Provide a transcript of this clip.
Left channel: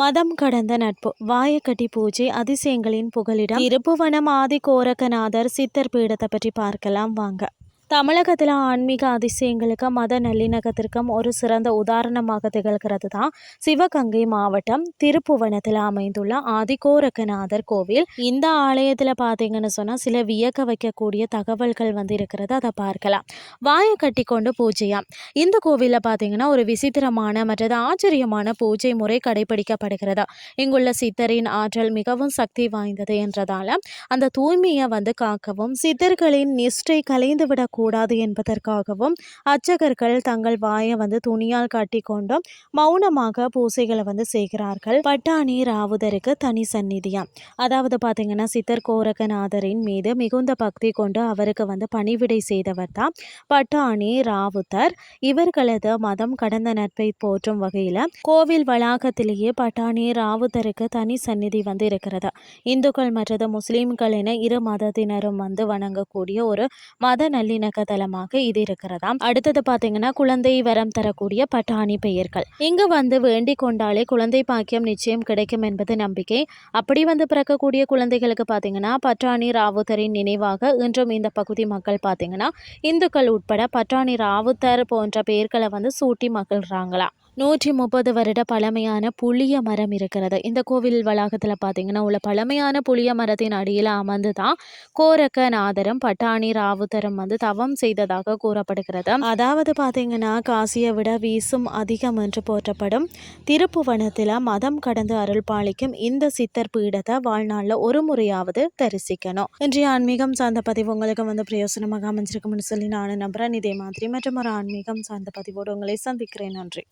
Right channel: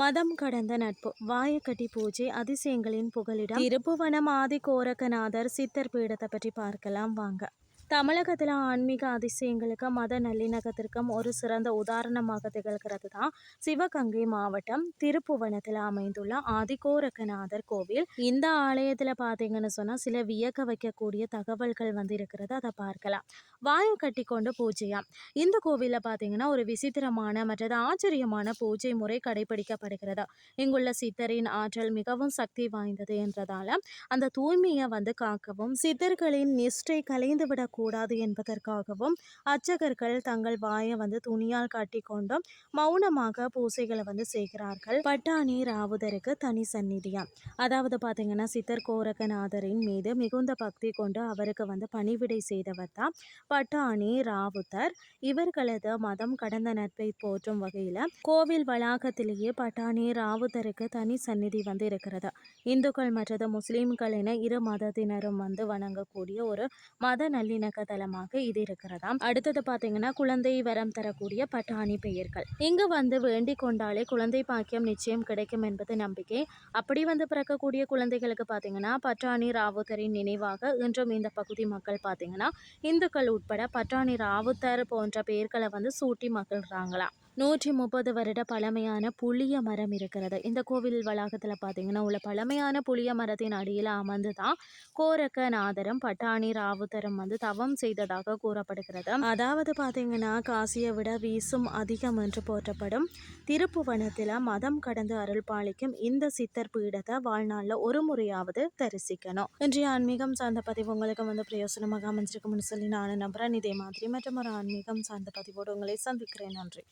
மதம் கடந்த நட்பு. வாயக்கட்டி பூஜை அதிசயங்களின் புகலிடம். திருப்புவனம் ஆதி கோரக்கநாதர் சித்தர் பீடத்தை பற்றி பார்க்கலாம். வாங்க. தமிழகத்தில் ஆன்மீக அதிசயங்களுக்கு மத நல்லிணக்கத்திற்கும் ஒரு சிறந்த உதாரணமாக திகழ்கிறது தான் சிவகங்கை மாவட்டம் திருப்புவனத்தில் அமைந்துள்ள ஆதிகோரக்கநாதர் கோவில். இந்த ஆலயத்தில் பார்த்தீங்கன்னு சொன்னால் சில வியக்க வைக்கக்கூடிய தகவல்கள் வந்து இருக்கிறது அதை பார்க்கலாம். வாயை கட்டி கொண்டு பூஜையா? இந்த கோவிலில் பார்த்தீங்கன்னா ஒரு விசித்திரமான மற்றது ஆச்சரியமான பூஜை முறை கடைபிடிக்கப்படுகிறது. இங்குள்ள சித்தரின் ஆற்றல் மிகவும் சக்தி வாய்ந்தது என்றதால அந்த தூய்மையை வந்து காக்கவும் சித்தர்களின் நிஷ்டை கலைந்துவிடக் கூடாது என்பதற்காகவும் அர்ச்சகர்கள் தங்கள் வாயை வந்து துணியால் கட்டி கொண்டும் மௌனமாக பூசைகளை வந்து செய்கிறார்கள். பட்டாணி ராவுதருக்கு தனி சந்நிதியா? அதாவது பார்த்தீங்கன்னா சித்தர் கோரகநாதரின் மீது மிகுந்த பக்தி கொண்டு அவருக்கு வந்து பணிவிடை செய்தவர் தான் பட்டாணி ராவுதர் இவர்களது மதம் கடந்த நட்பை போற்றும் வகையில் கோவில் வளாகத்திலேயே பட்டாணி ராவுதருக்கு தனி சந்நிதி வந்து இருக்கிறது. இந்துக்கள் மற்றது முஸ்லீம்கள் என இரு மதத்தினரும் வந்து வணங்கக்கூடிய ஒரு மத நல்லிணக்க இணக்கதளமாக இது இருக்கிறதாம். அடுத்தது பார்த்தீங்கன்னா குழந்தை வரம் தரக்கூடிய பட்டாணி பெயர்கள். இங்கு வந்து வேண்டிக் கொண்டாலே குழந்தை பாக்கியம் நிச்சயம் கிடைக்கும் என்பது நம்பிக்கை. அப்படி வந்து பிறக்கக்கூடிய குழந்தைகளுக்கு பார்த்தீங்கன்னா பட்டாணி ராவுத்தரின் நினைவாக இன்றும் இந்த பகுதி மக்கள் பார்த்தீங்கன்னா இந்துக்கள் உட்பட பட்டாணி ராவுத்தர் போன்ற பெயர்களை வந்து சூட்டி மகிழ்கிறாங்களாம் நூற்றி முப்பது வருட பழமையான புளிய மரம் இருக்கிறது. இந்த கோவில் வளாகத்தில் பார்த்தீங்கன்னா உள்ள பழமையான புளிய மரத்தின் அடியில் அமர்ந்து தான் கோரக்கநாதரும் பட்டாணி ராவுத்தரும் வந்து தவம் செய்ததாக கூறப்படுகிறது. அதாவது பார்த்தீங்கன்னா காசியை விட வீசும் அதிகம் என்று போற்றப்படும் திருப்புவனத்தில் மதம் கடந்து அருள் பாலிக்கும் இந்த சித்தர் பீடத்தை வாழ்நாளில் ஒரு முறையாவது தரிசிக்கணும். இன்றைய ஆன்மீகம் சார்ந்த பதிவு உங்களுக்கு வந்து பிரயோசனமாக அமைஞ்சிருக்கும்னு சொல்லி நானும் நம்புறேன். இதே மாதிரி மற்றும் ஒரு ஆன்மீகம் சார்ந்த பதிவோடு உங்களை சந்திக்கிறேன். நன்றி.